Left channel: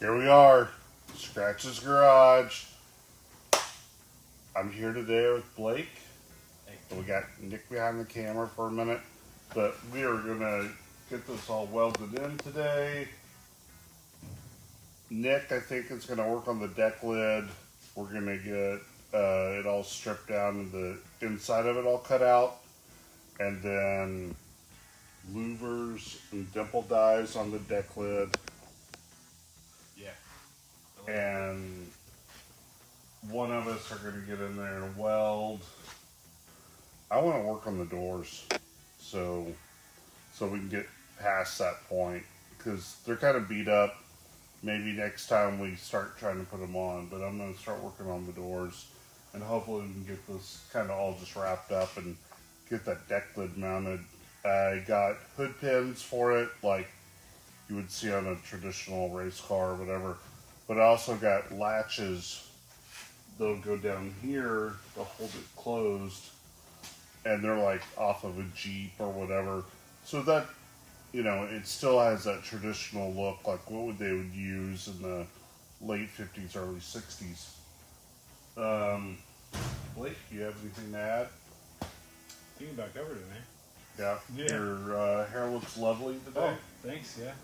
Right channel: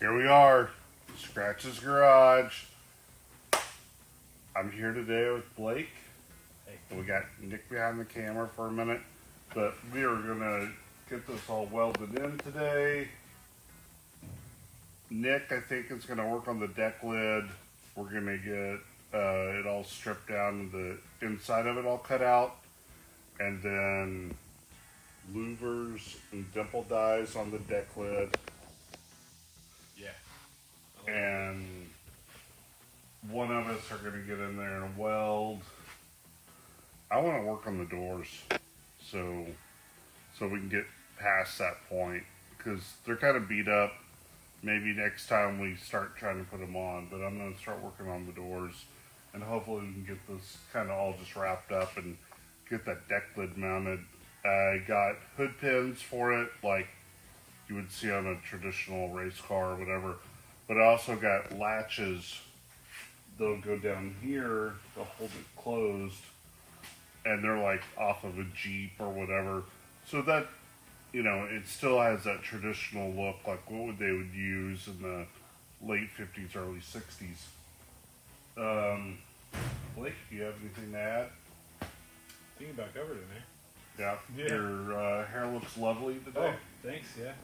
Here we are, Scratch's Garage. I'm here today with Blake. Hey. We got Nick behind the camera for a minute, but we are gonna get this all welded in today. Nick, I think, is gonna work on the deck lid. We're gonna get it all stripped down and the inside of it all cut out, and then louvers and dimple dives on the deck lid. Yeah. And one of us are going to get in there and weld. I want to work on the doors so we can get past that point, because they're kind of beat up. Maybe next time we start trying to put them on, but I'm going to start working on the doors, and hopefully we can get this kind of all just wrapped up and get that deck lid mounted. I got hood pins for it, like you would see on a traditional race car or whatever. But I also got latches that'll go down here to hold it closed. And they're like off of a Jeep or whatever. So that, you know, it still has that traditional look, like what they would use in the late 50s, early 60s. Blake, do you have anything to add? I think you back over to me. Yeah. Your hair looks lovely today. Oh, thanks, yeah.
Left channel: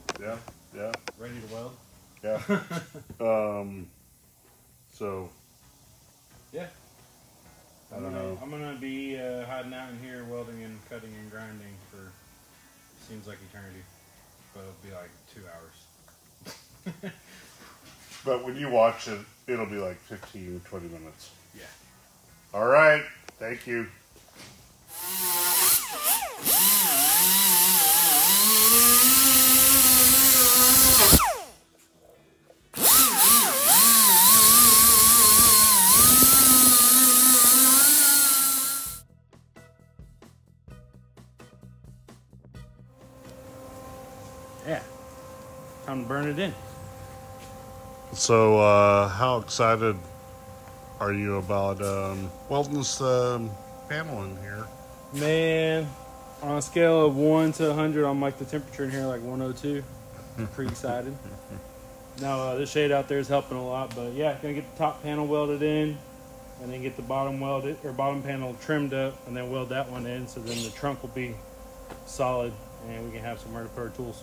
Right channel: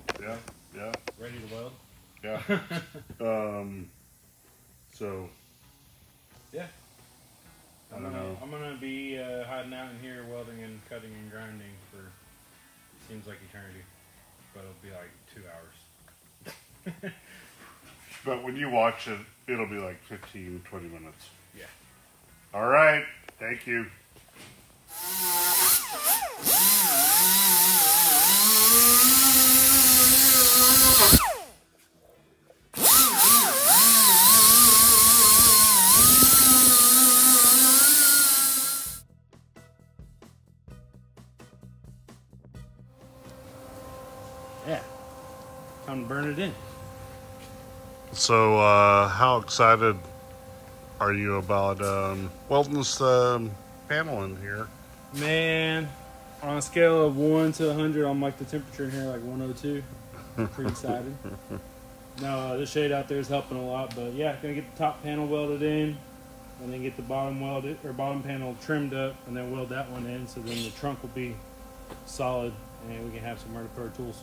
Yeah. Ready to weld? Yeah. So. Yeah. I don't know. I'm gonna be hiding out in here welding and cutting and grinding for seems like eternity, but it'll be like 2 hours. But when you watch it, it'll be like 15, 20 minutes. Yeah. All right. Thank you. Yeah. Time to burn it in. So, how excited are you about welding this panel in here? Man, on a scale of 1 to 100, I'm like the temperature in here like 102. I'm pretty excited. Now, the shade out there is helping a lot, but yeah, gonna get the top panel welded in, and then get the bottom welded or bottom panel trimmed up, and then weld that one in, so then the trunk will be solid, and we can have somewhere to put our tools.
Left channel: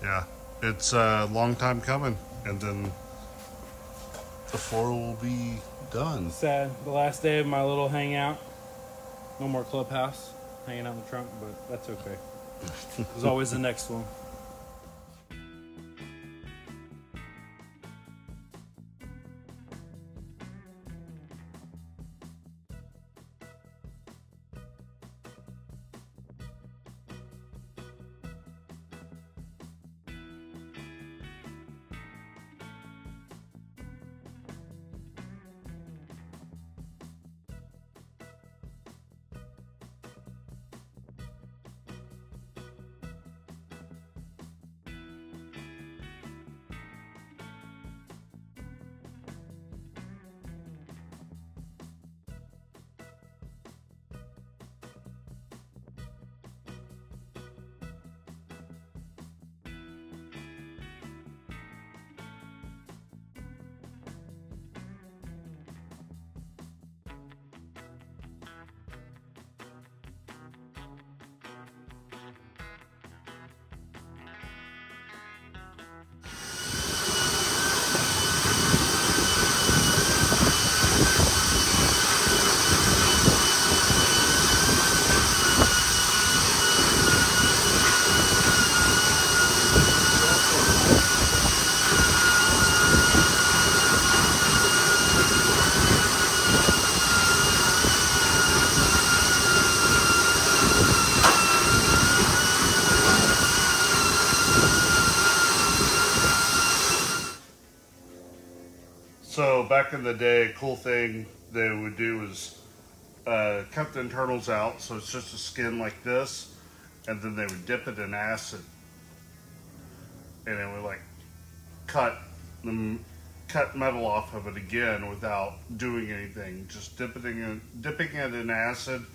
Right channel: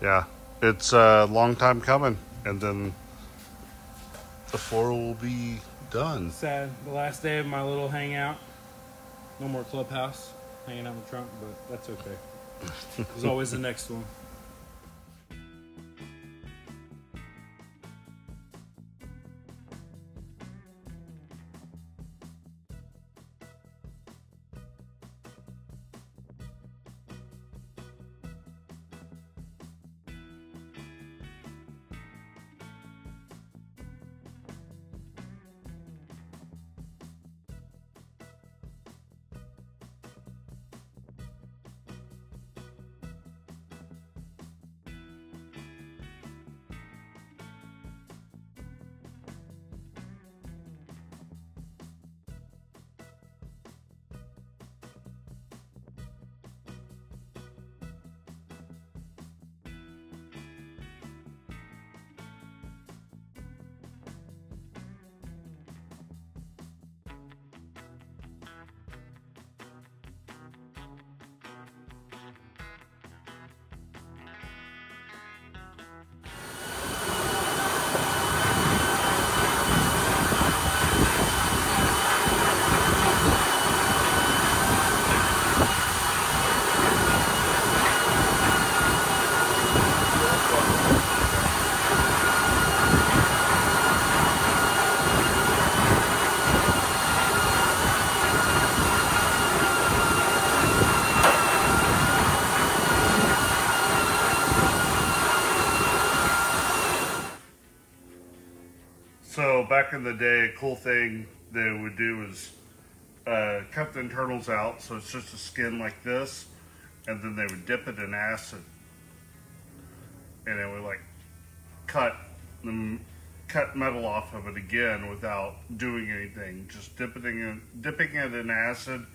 Yeah, it's a long time coming, and then the floor will be done. Sad, the last day of my little hangout. No more clubhouse, hanging out in the trunk, but that's okay. There's always the next one. So back in the day, a cool thing they would do is cut the internals out, so it's just a skin like this, and then they would dip it in acid, and it would like cut metal off of it again without doing anything, just dipping it in acid,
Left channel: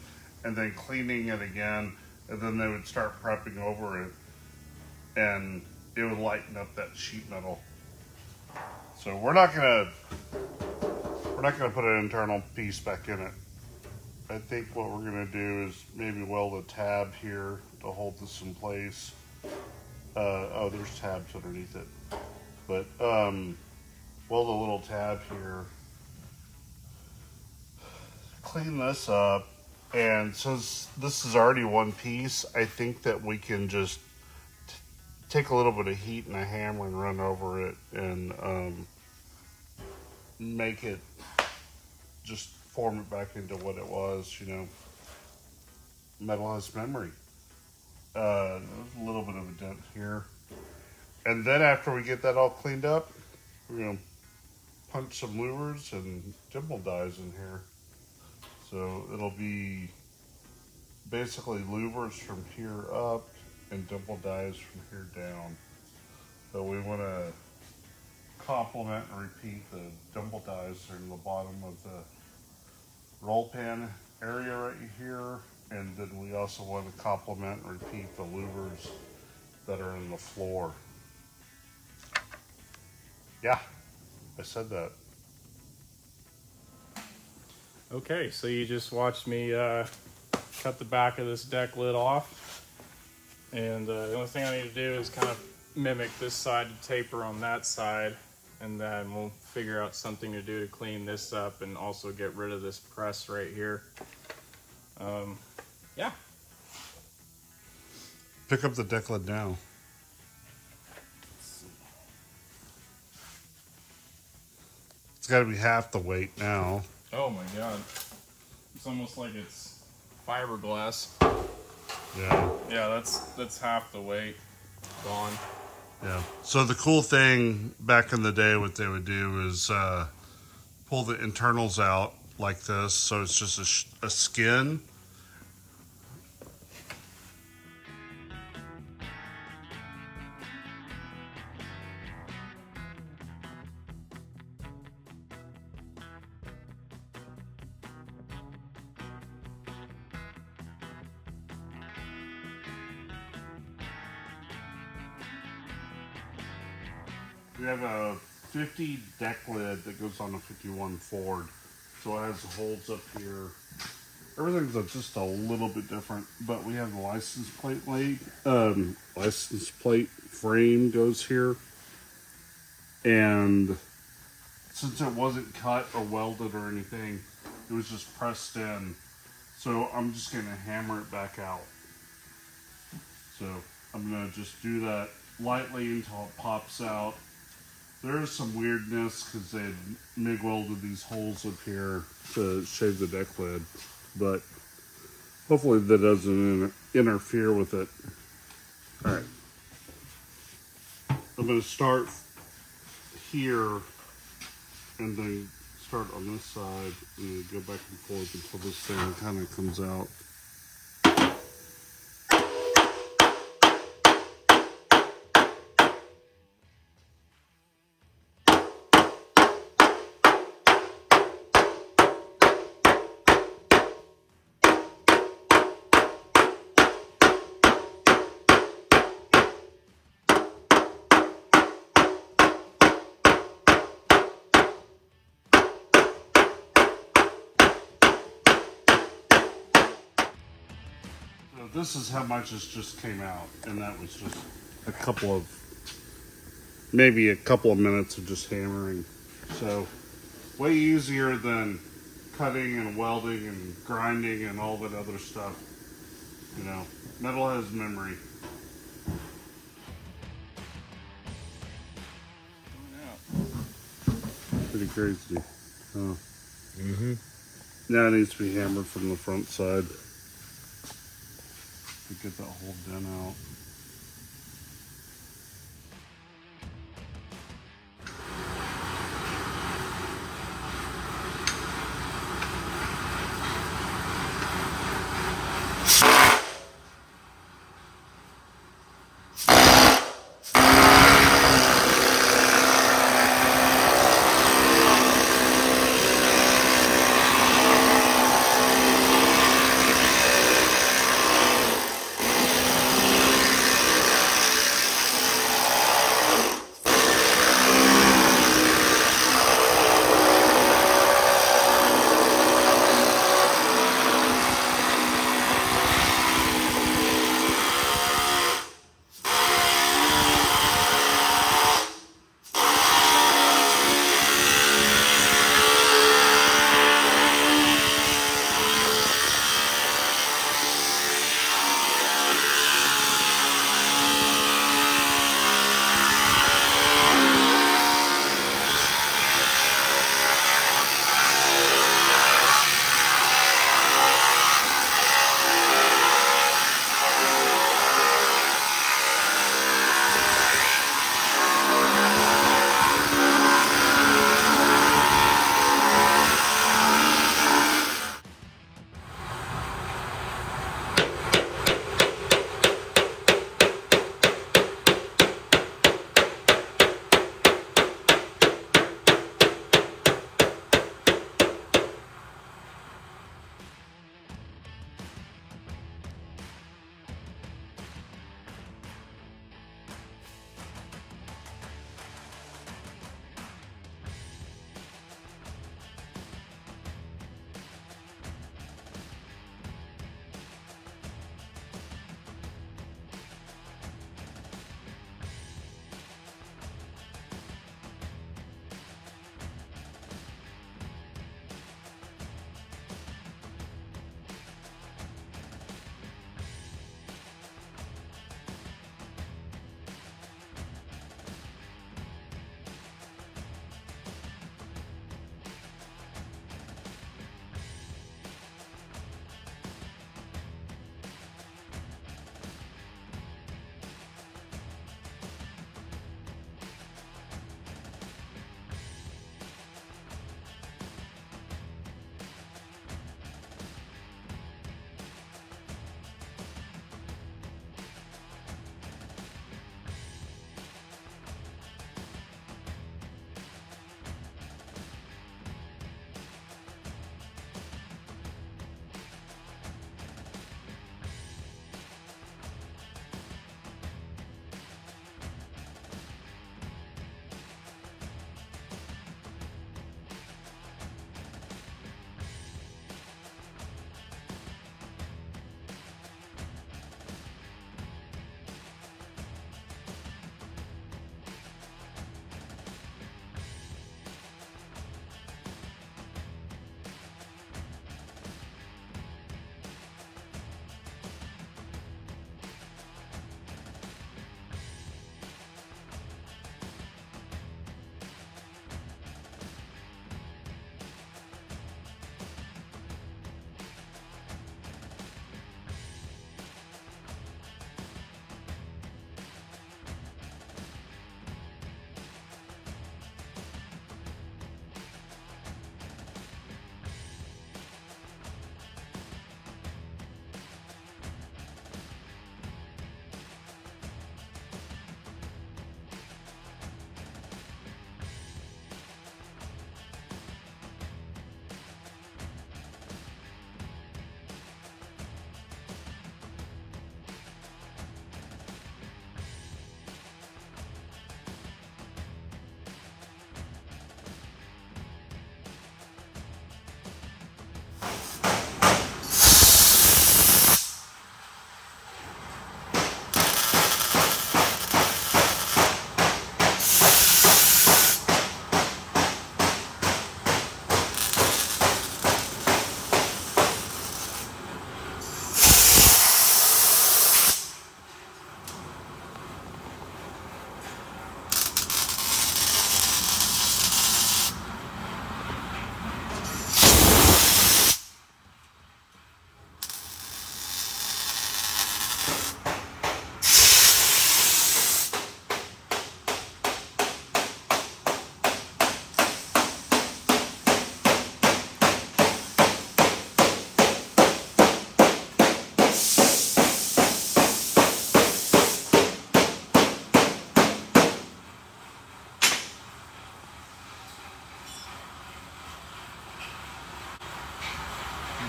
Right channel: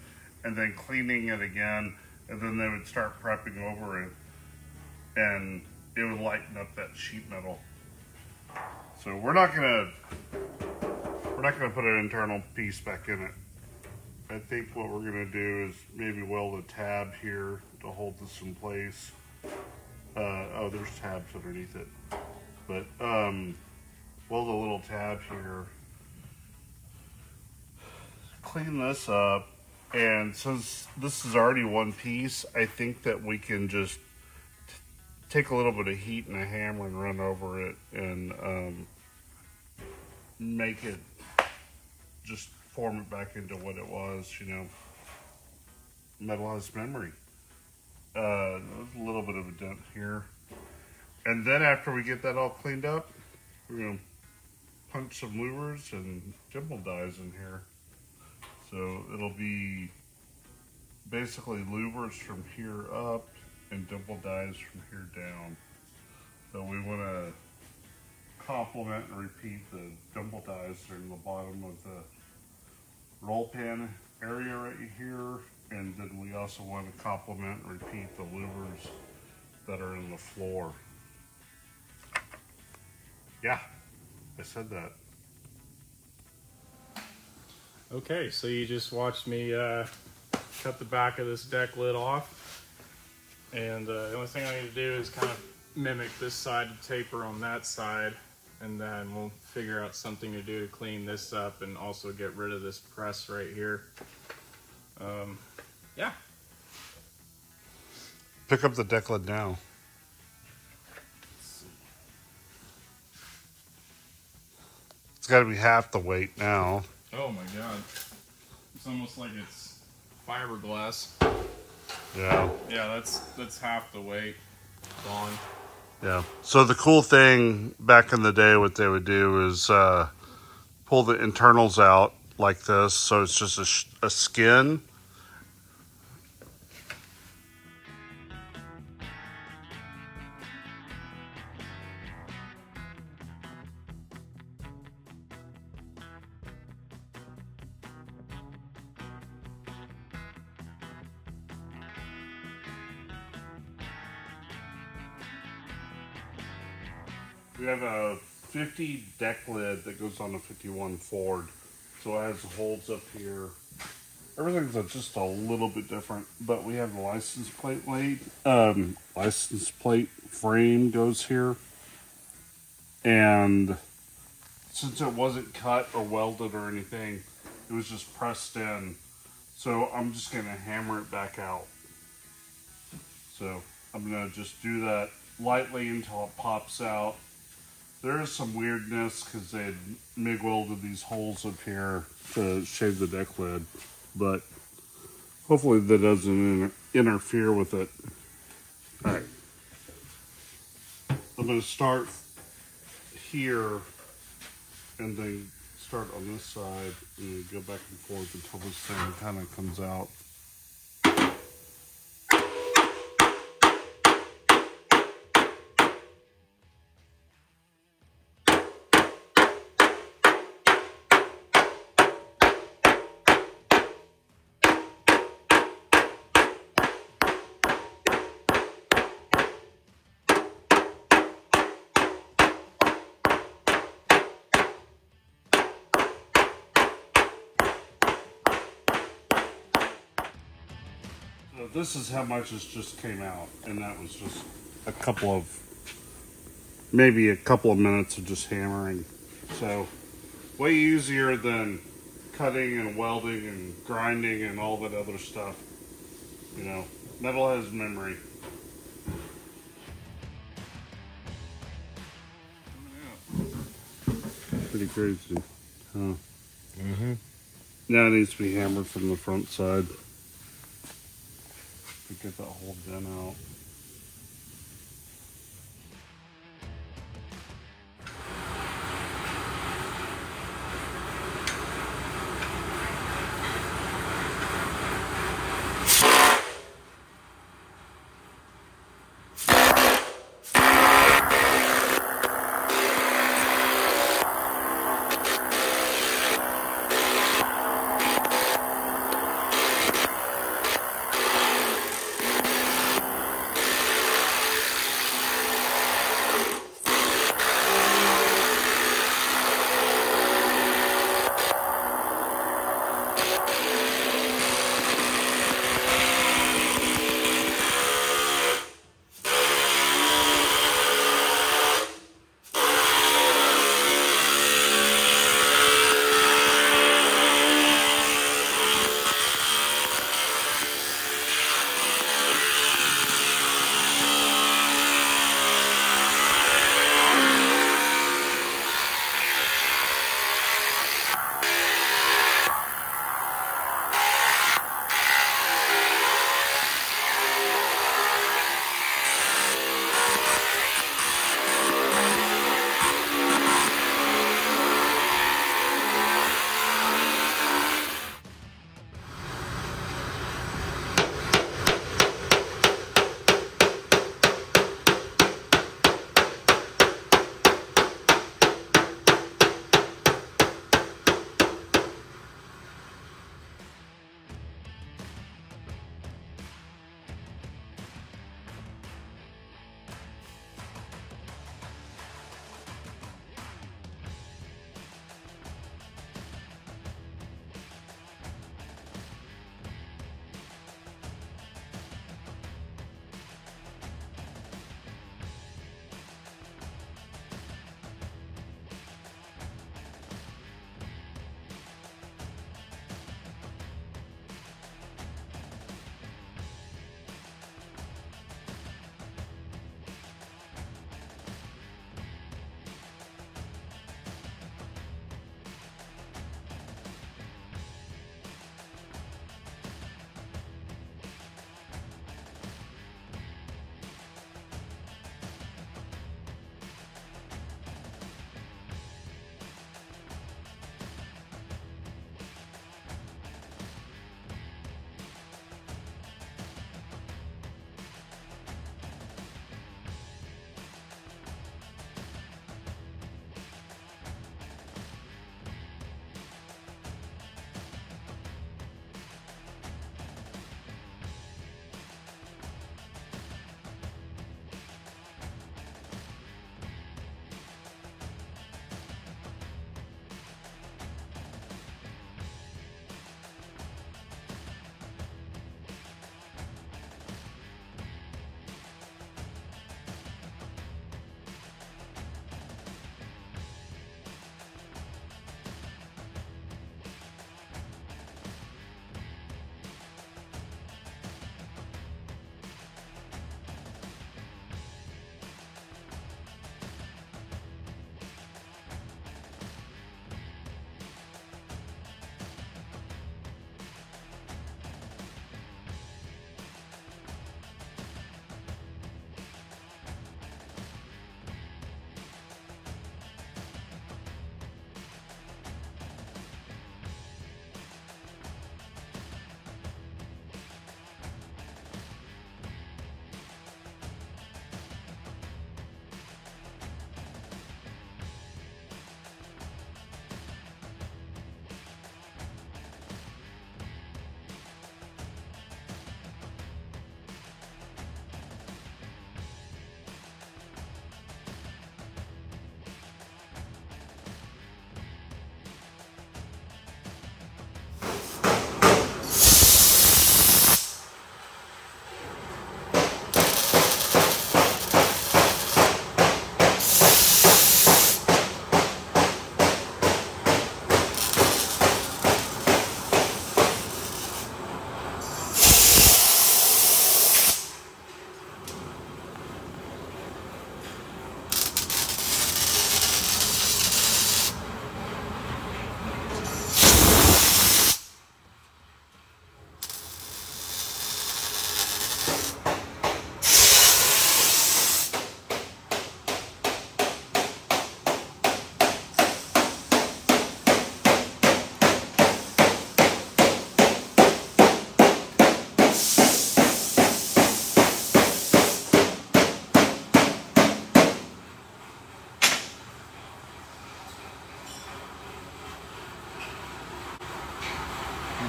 and then cleaning it again, and then they would start prepping over it, and it would lighten up that sheet metal. So we're not gonna put an internal piece back in it. I think what we're gonna do is maybe weld a tab here to hold this in place. Oh, there's tabs underneath it. But weld a little tab here. Clean this up. And since this is already one piece, I think that we can just take a little bit of heat and a hammer and run over it and make it, just form it back into what it was, you know. Metal has memory. A little bit of a dent here. And then after we get that all cleaned up, we're going to punch some louvers and dimple dies in here. So it'll be basically louvers from here up and dimple dies from here down. So we want to complement and repeat the dimple dies in the bottom of the roll pin area right here. And then we also want to complement and repeat the louvers that are in the floor. Yeah, I said that. Okay, so you just watched me cut the back of this deck lid off. And the only thing I need to do is kind of mimic this side to taper on that side. And then we'll figure out something to do to clean this up and also get rid of this press right here. Yeah. Pick up the deck lid now. It's got to be half the weight now. Oh my god. It's almost like it's fiberglass. Yeah. Yeah, that's half the weight gone. Yeah. So the cool thing back in the day, what they would do is pull the internals out like this. So it's just a skin. We have a 50 deck lid that goes on a 51 Ford. So it has holes up here. Everything's just a little bit different, but we have the license plate license plate frame goes here. And since it wasn't cut or welded or anything, it was just pressed in. So I'm just gonna hammer it back out. So I'm gonna just do that lightly until it pops out. There is some weirdness because they had MIG welded these holes up here to shave the deck lid, but hopefully that doesn't interfere with it. All right, I'm going to start here and then start on this side and go back and forth until this thing kind of comes out. So this is how much this just came out, and that was just maybe a couple of minutes of just hammering. So way easier than cutting and welding and grinding and all that other stuff. You know, metal has memory. Pretty crazy. Huh? Mm-hmm. Now it needs to be hammered from the front side to get that whole dent out.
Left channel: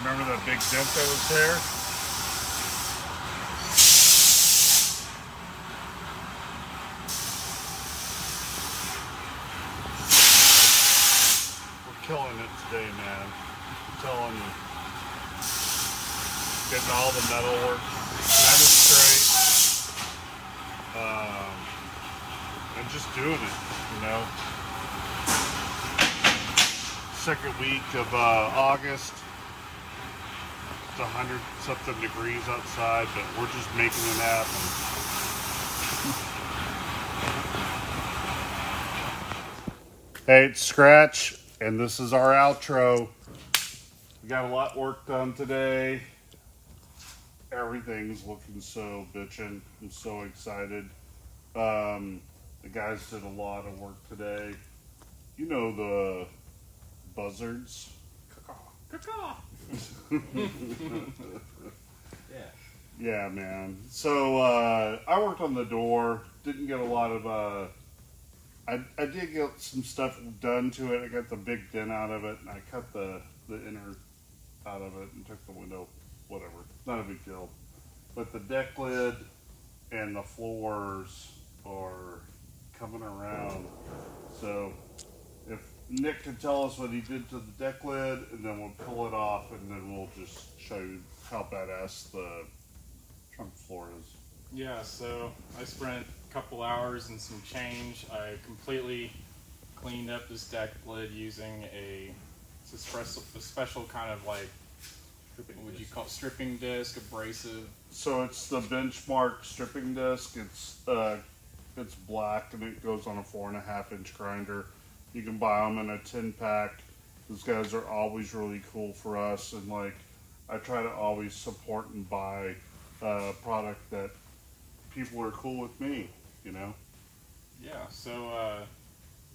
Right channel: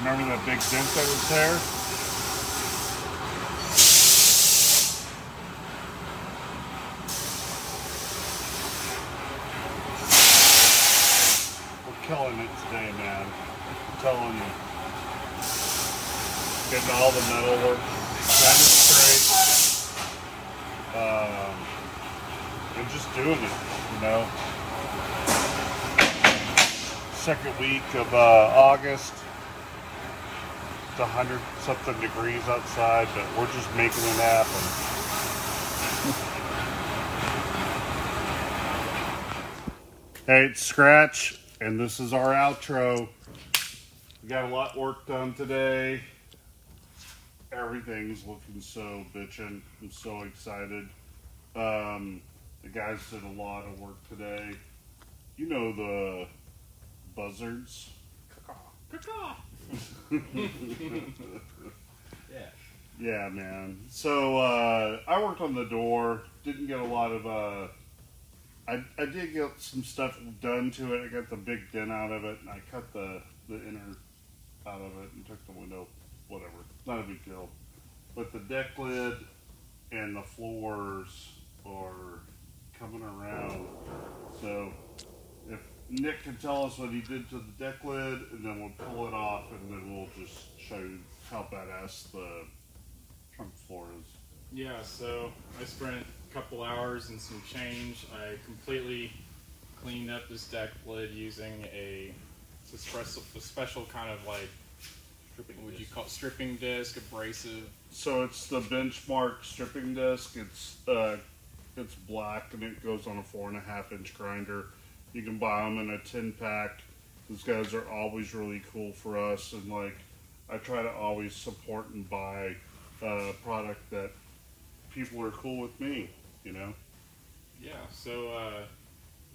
Remember that big dent that was there? We're killing it today, man. I'm telling you. Getting all the metal work kind of straight. And just doing it, you know. Second week of August. It's 100 something degrees outside, but we're just making it happen. Hey, it's Scratch, and this is our outro. We got a lot of work done today. Everything's looking so bitchin'. I'm so excited. The guys did a lot of work today. You know the buzzards. Yeah, man. So I worked on the door. Didn't get a lot of. I did get some stuff done to it. I got the big dent out of it, and I cut the inner out of it and took the window. Whatever, not a big deal. But the deck lid and the floors are coming around. So if Nick can tell us what he did to the deck lid, and then we'll pull it off, and then we'll just show you how badass the trunk floor is. Yeah, so I spent a couple hours and some change. I completely cleaned up this deck lid using a special kind of like, would you call it stripping disc, abrasive? So it's the Benchmark stripping disc. It's black and it goes on a 4.5 inch grinder. You can buy them in a 10-pack. Those guys are always really cool for us, and like I try to always support and buy product that people are cool with me, you know. Yeah, so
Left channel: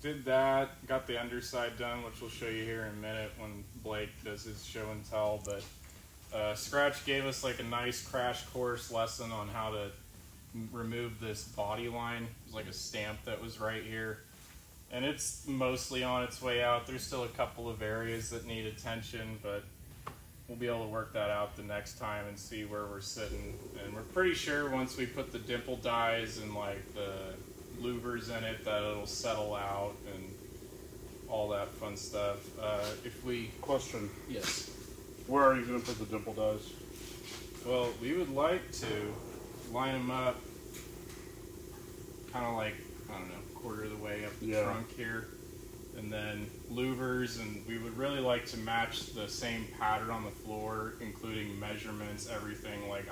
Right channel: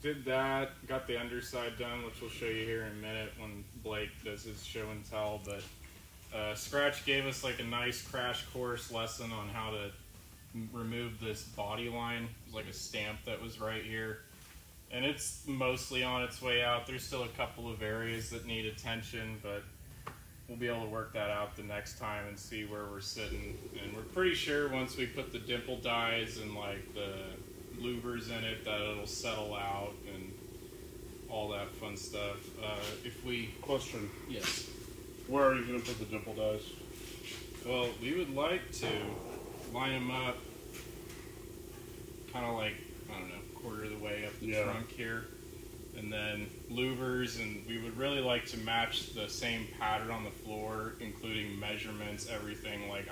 did that, got the underside done, which we'll show you here in a minute when Blake does his show and tell, but Scratch gave us like a nice crash course lesson on how to remove this body line. It was like a stamp that was right here, and it's mostly on its way out. There's still a couple of areas that need attention, but we'll be able to work that out the next time and see where we're sitting. And we're pretty sure once we put the dimple dies and like the louvers in it that it'll settle out and all that fun stuff. Question. Yes. Where are you going to put the dimple dies? Well, we would like to line them up kind of like, I don't know, quarter of the way up the trunk here. And then louvers, and we would really like to match the same pattern on the floor, including measurements, everything. Like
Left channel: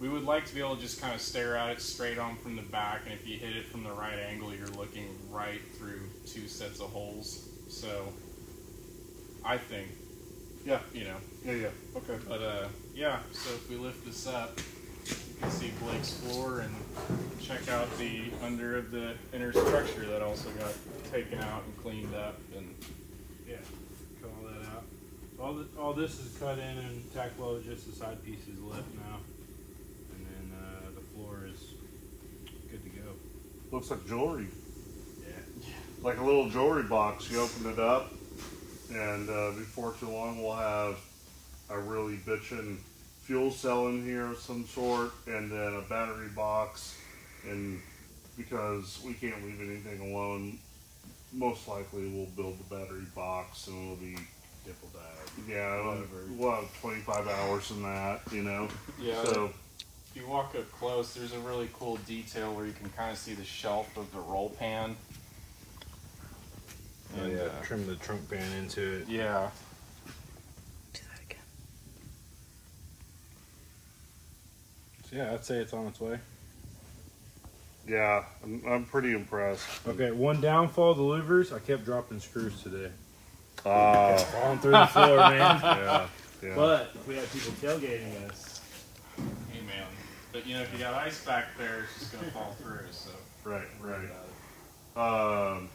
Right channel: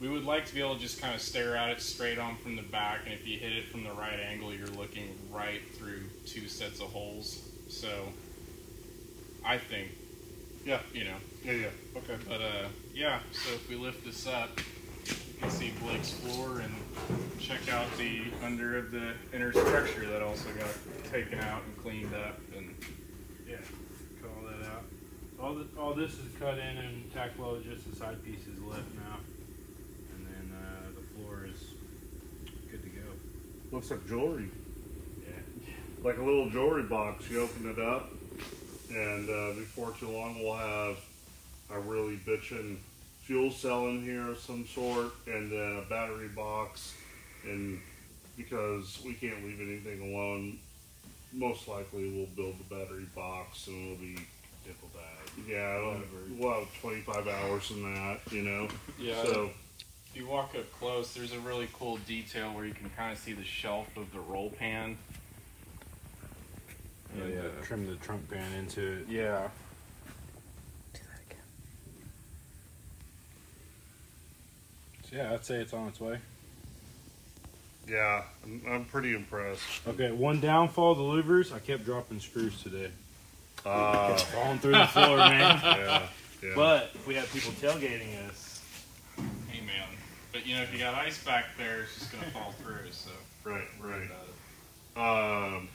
we would like to be able to just kind of stare at it straight on from the back, and if you hit it from the right angle, you're looking right through two sets of holes. So I think, yeah, you know. Yeah, okay. But yeah, so if we lift this up, you can see Blake's floor and check out the under of the inner structure that also got taken out and cleaned up, and Yeah, cut all that out. All this is cut in and tack welded, just the side piece is left now. And then the floor is good to go. Looks like jewelry. Yeah. Like a little jewelry box. You open it up, and before too long we'll have a really bitchin' fuel cell in here of some sort, and then a battery box. And because we can't leave anything alone, most likely we'll build the battery box and it'll be dimple dyed. Yeah, we'll have 25 hours in that, you know. yeah. So If you walk up close, there's a really cool detail where you can kind of see the shelf of the roll pan. And trim the trunk pan into it. Yeah. Do that again. So yeah, I'd say it's on its way. yeah, I'm pretty impressed. Okay, one downfall, the louvers. I kept dropping screws today. Oh, Falling through the floor, man. yeah. But if we have people tailgating us, Hey man. But you know, if you got ice back there, it's just gonna fall through. So Right. worry about it.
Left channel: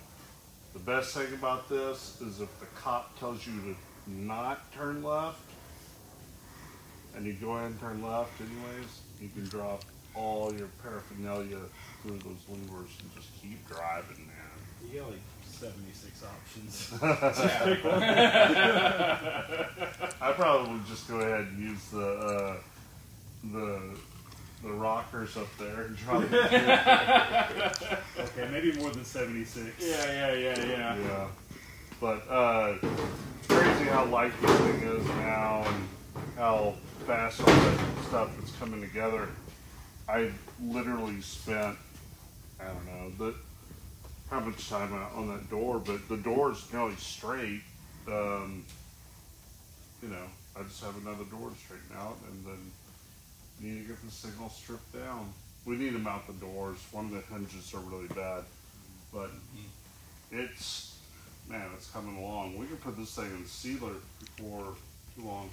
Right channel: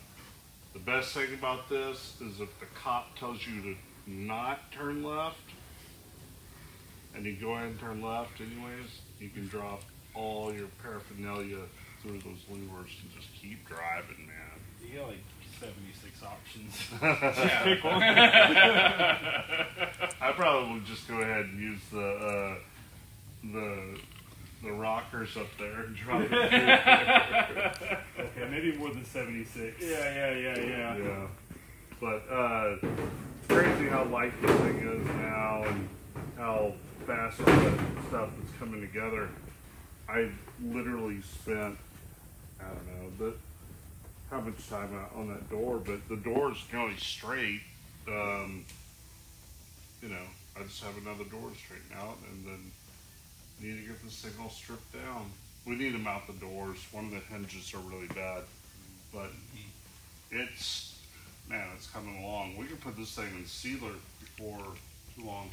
The best thing about this is if the cop tells you to not turn left, and you go ahead and turn left anyways, you can drop all your paraphernalia through those levers and just keep driving, man. you got like 76 options. Yeah. Pick one. I probably would just go ahead and use the rockers up there and drop it. Okay, maybe more than 76. Yeah. But crazy how light this thing is now and how fast all that stuff is coming together. I literally spent, I don't know, how much time on that door, but the door's going straight. You know, I just have another door to straighten out and then need to get this thing all stripped down. We need to mount the doors. One of the hinges are really bad, but it's coming along. We can put this thing in sealer before too long.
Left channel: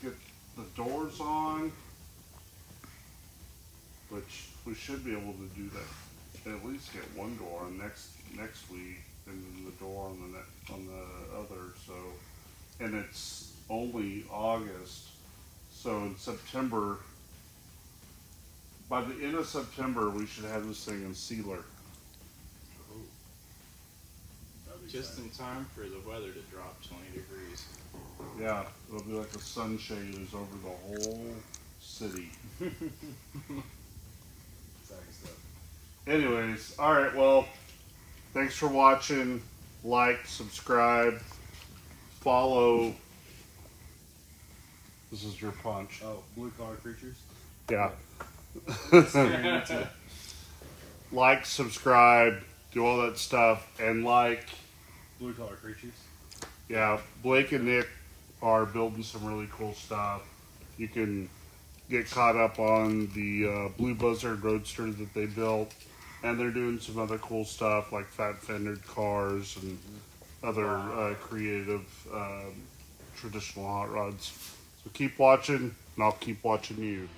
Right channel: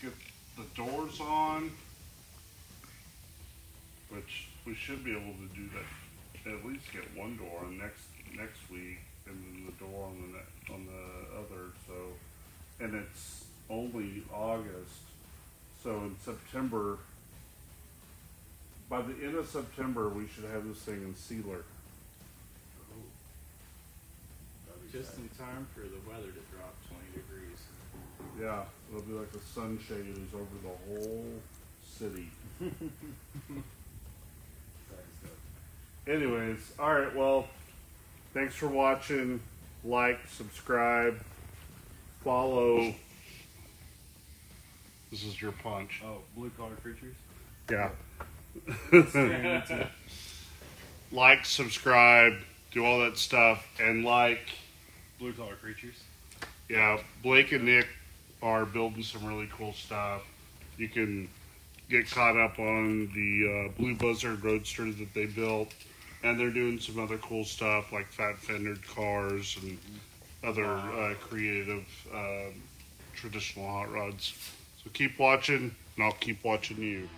Get the doors on, which we should be able to do that. At least get one door on next week, and then the door on the other. So, and it's only August. So in September, by the end of September, we should have this thing in sealer. Just in time for the weather to drop 20 degrees. Yeah, it'll be like the sunshade is over the whole city. Anyways, all right. Well, thanks for watching. Like, subscribe, follow. This is your punch. Oh, blue collar creatures? Yeah. Like, subscribe, do all that stuff, and Blue collar creatures? yeah, Blake and Nick are building some really cool stuff. You can get caught up on the Blue Buzzard Roadster that they built, and they're doing some other cool stuff like fat fendered cars and other creative traditional hot rods. So keep watching, and I'll keep watching you.